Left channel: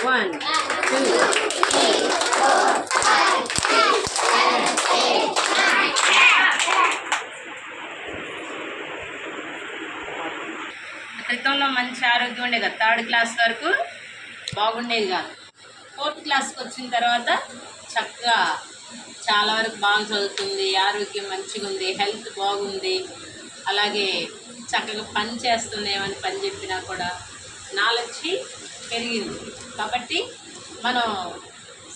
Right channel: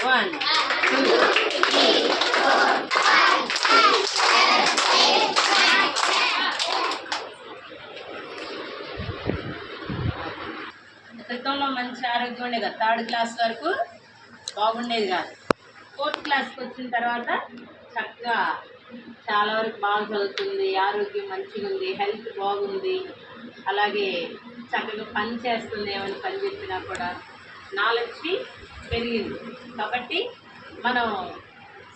1 2 3 4 5 6 7 8 9 క్రితంలో మంచి ఆరోగ్యం ఉండేది కదా, 3rd క్లాస్ వరకు బాగుండేది కాదు. 4th క్లాస్కి వచ్చిన తర్వాత చక్కగా చాలా వరకు బాగా చదువుతుంది, ఆరోగ్యం మంచిగా ఉంది, హెల్త్ బాగుంది, అలాగే చక్కగా పని చేస్తుంది. ఏమని పని చెప్పినా కూడా నాలెడ్జ్ పెరిగింది. కాబట్టి మనం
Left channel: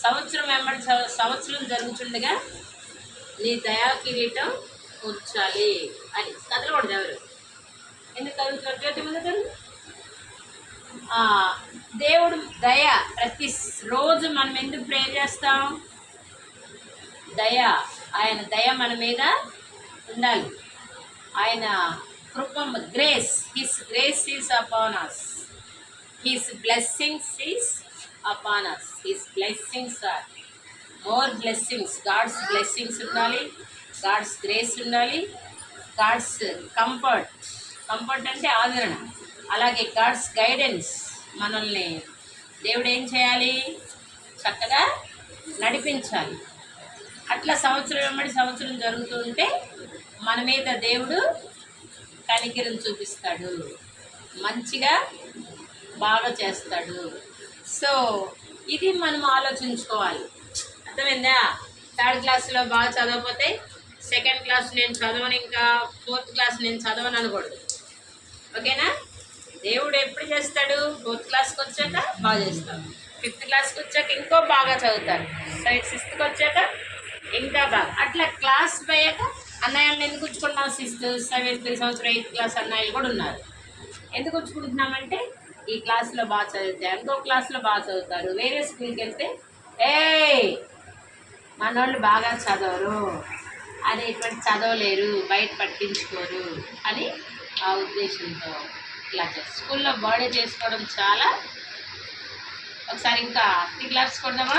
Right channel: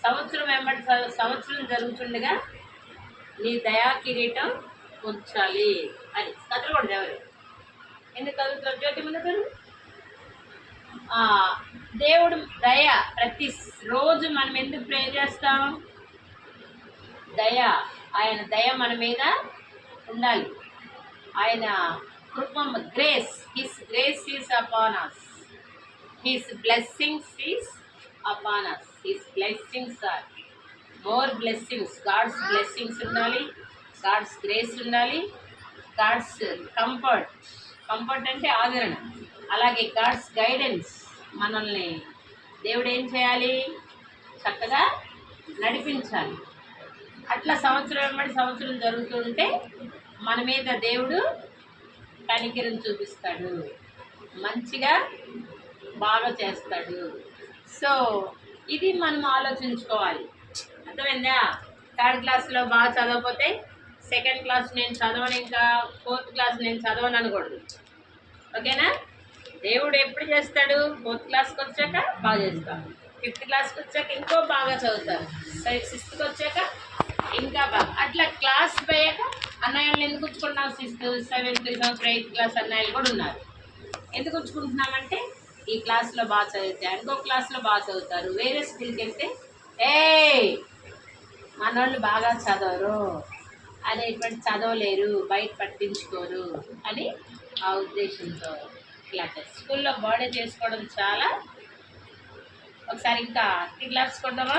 సంవత్సరం సంవత్సరం జరుగుతుండగా నీ దయా కిరీటం కూర్చాలి అని కథలు కూడా ఎవరు ఎందుకు చదువుతున్నారు? జ్యోతి ముందు చదువు. దేవుడు దయ ప్రతి రోజు మనం ఎందుకు ప్రే చేస్తాం? దయ, ఆయన దయ మన మీద ఉండాలి. ఆయన కృప, grace, his grace is upon us, his blessings is upon us, his blessings are more blessings. God's blessings ఉండాలి, గాడ్స్ గ్రేస్ ఉండాలి, గాడ్స్ కంఫర్ట్ అంటే ఆదరణ, అలాగే గాడ్స్ గైడెన్స్. మనల్ని దేవుడు ఏం చేయాలి? చక్కగా నడిపించాలి. అట్లా సంవత్సరం జరుగుతూ ఉంటే మన మీద దేవుడు కనికరం చూపిస్తాడు, మంచిగా బాగా చేస్తాడు. సో ఇది మనం ఆలోచించుకోవాలి. అర్థమైందా? 3rd క్లాస్లో బాగా చదవకపోతే 2nd క్లాస్ నేను చదవను, ఇంకా 4th క్లాస్ నేను చదవను అనకూడదు. ఓకేనా? దేవుడు ఎప్పుడు చేస్తాడు? 4th క్లాస్కి వచ్చాక బాగా చేస్తాడు, 5th క్లాస్కి వచ్చాక ఇంకో బాగా చదువుతారు, 6th వచ్చాక ఇంకా బాగా. అట్లా క్లాస్ పోయాక అన్నయ్యలను ఎందుకు ఉంచుకుంటున్నాం? 6th 7th సంవత్సరం 8th క్లాస్ అన్నయ్యలు కూడా ఉన్నారు. ఎందుకు ఉంచుకుంటున్నామంటే ఈ క్లాస్లో బాగా చదివితే ఇంకో క్లాస్లో బాగా చదువుతారు. వేరే స్కూల్కి వెళ్తే మనోళ్ళు బాగా చదవరు అనేటువంటి, చదవలేరు, బయట పట్టించుకోరు అని ఆ ఉద్దేశంతో ఇలా చేస్తారు. స్కూల్లో బాడీ చేసుకోవడం చాలా. ఒకసారి ఇంకా 3 క్లాప్స్ కొడదామా?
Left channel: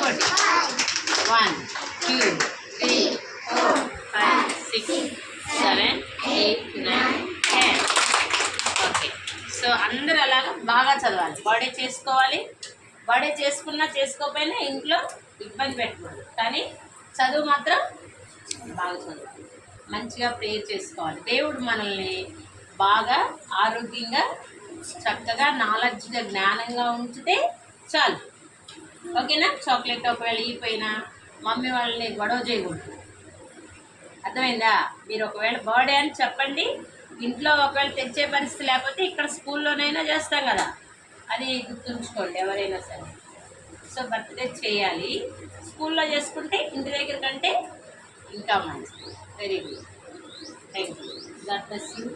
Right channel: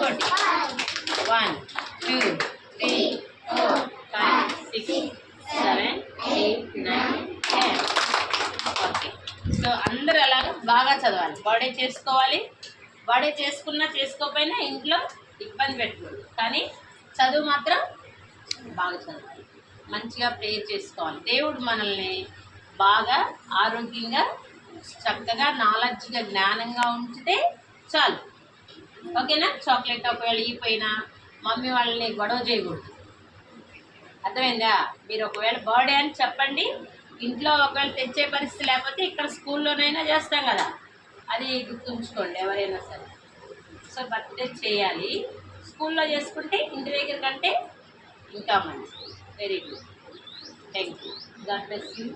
గుడ్. 1 2 3 4 5 6 7 8 9 10. ఓకే. సో అందరూ అలాగా బాగా చదవాలి, బాడీ చేసుకోవాలి. బాడీ చేసుకున్నా చేసుకోకపోయినా ఇంట్లో ఇబ్బంది పెట్టకూడదు, కానీ చదువు మాత్రం బాగా చదవాలి, మంచిగా ప్రేయర్ చేసుకోవాలి. దేవుడు మనల్ని బాగా ఆరోగ్యంగా చక్కగా నాలెడ్జ్గా జ్ఞానంగా ఉంచితే చాలు. ఓకేనా? చాక్లెట్ ఒకవేళ ఇపోయినా మమ్మీ వాళ్ళని గొడవ చేయకూడదు. అర్థమైందా? మీరు ఒకవేళ బర్త్డే అని చెప్పండి, ఇంట్లో ఒకవేళ తెచ్చే పరిస్థితి లేకపోతే ఇక్కడ స్కూల్లోనైనా చేస్తాం కదా, అది గుర్తుంచుకోండి ఎవరైనా సరే. సో బర్త్డే చేయాలి, స్కూల్లో చేసుకుంటే ఇంటి దగ్గర కంటే ఇంకా మంచిది. Very good, thank you, God bless you.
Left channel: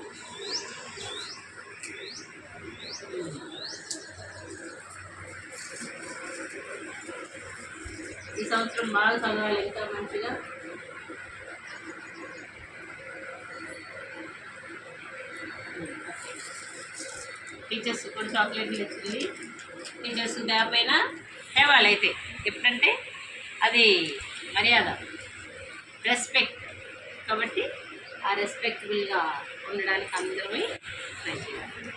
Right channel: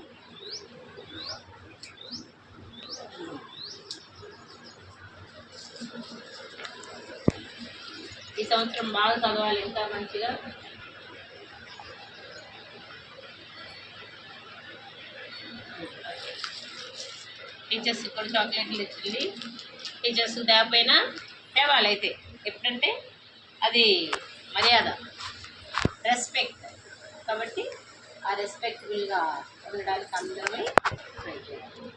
ఈ సంవత్సరం బాగా చదవాలి, ఇంకా మంచిగా. టీచర్స్ కూడా చాక్లెట్లు ఇచ్చింది. టీచర్స్ దాపైనా తేవాలి అయితే, ఎప్పుడంటే అది మర్యాద, రెస్పెక్ట్. కాబట్టి ఆ రెస్పెక్టబుల్గా ఉండడానికి అందరమే ట్రై చేయాలి.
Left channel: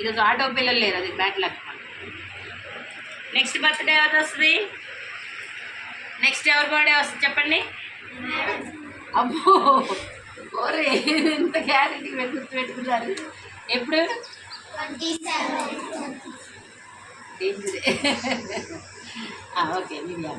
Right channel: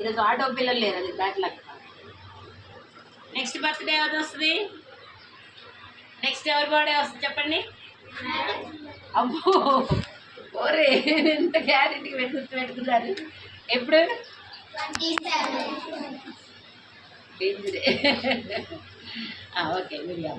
ఈరోజు ఆటో పిల్లలు లేరు, అది బ్యాడ్ లక్. నెక్స్ట్ బర్త్డే ఎవరు వస్తుంది? నెక్స్ట్ ఎవరి బర్త్డే వస్తుంది చెప్పండి? అబ్బో, ఓరే ఎంత గ్యారెంటీ పెట్టుకున్నారు. ఎప్పుడు? డేంజరే. Okay, media.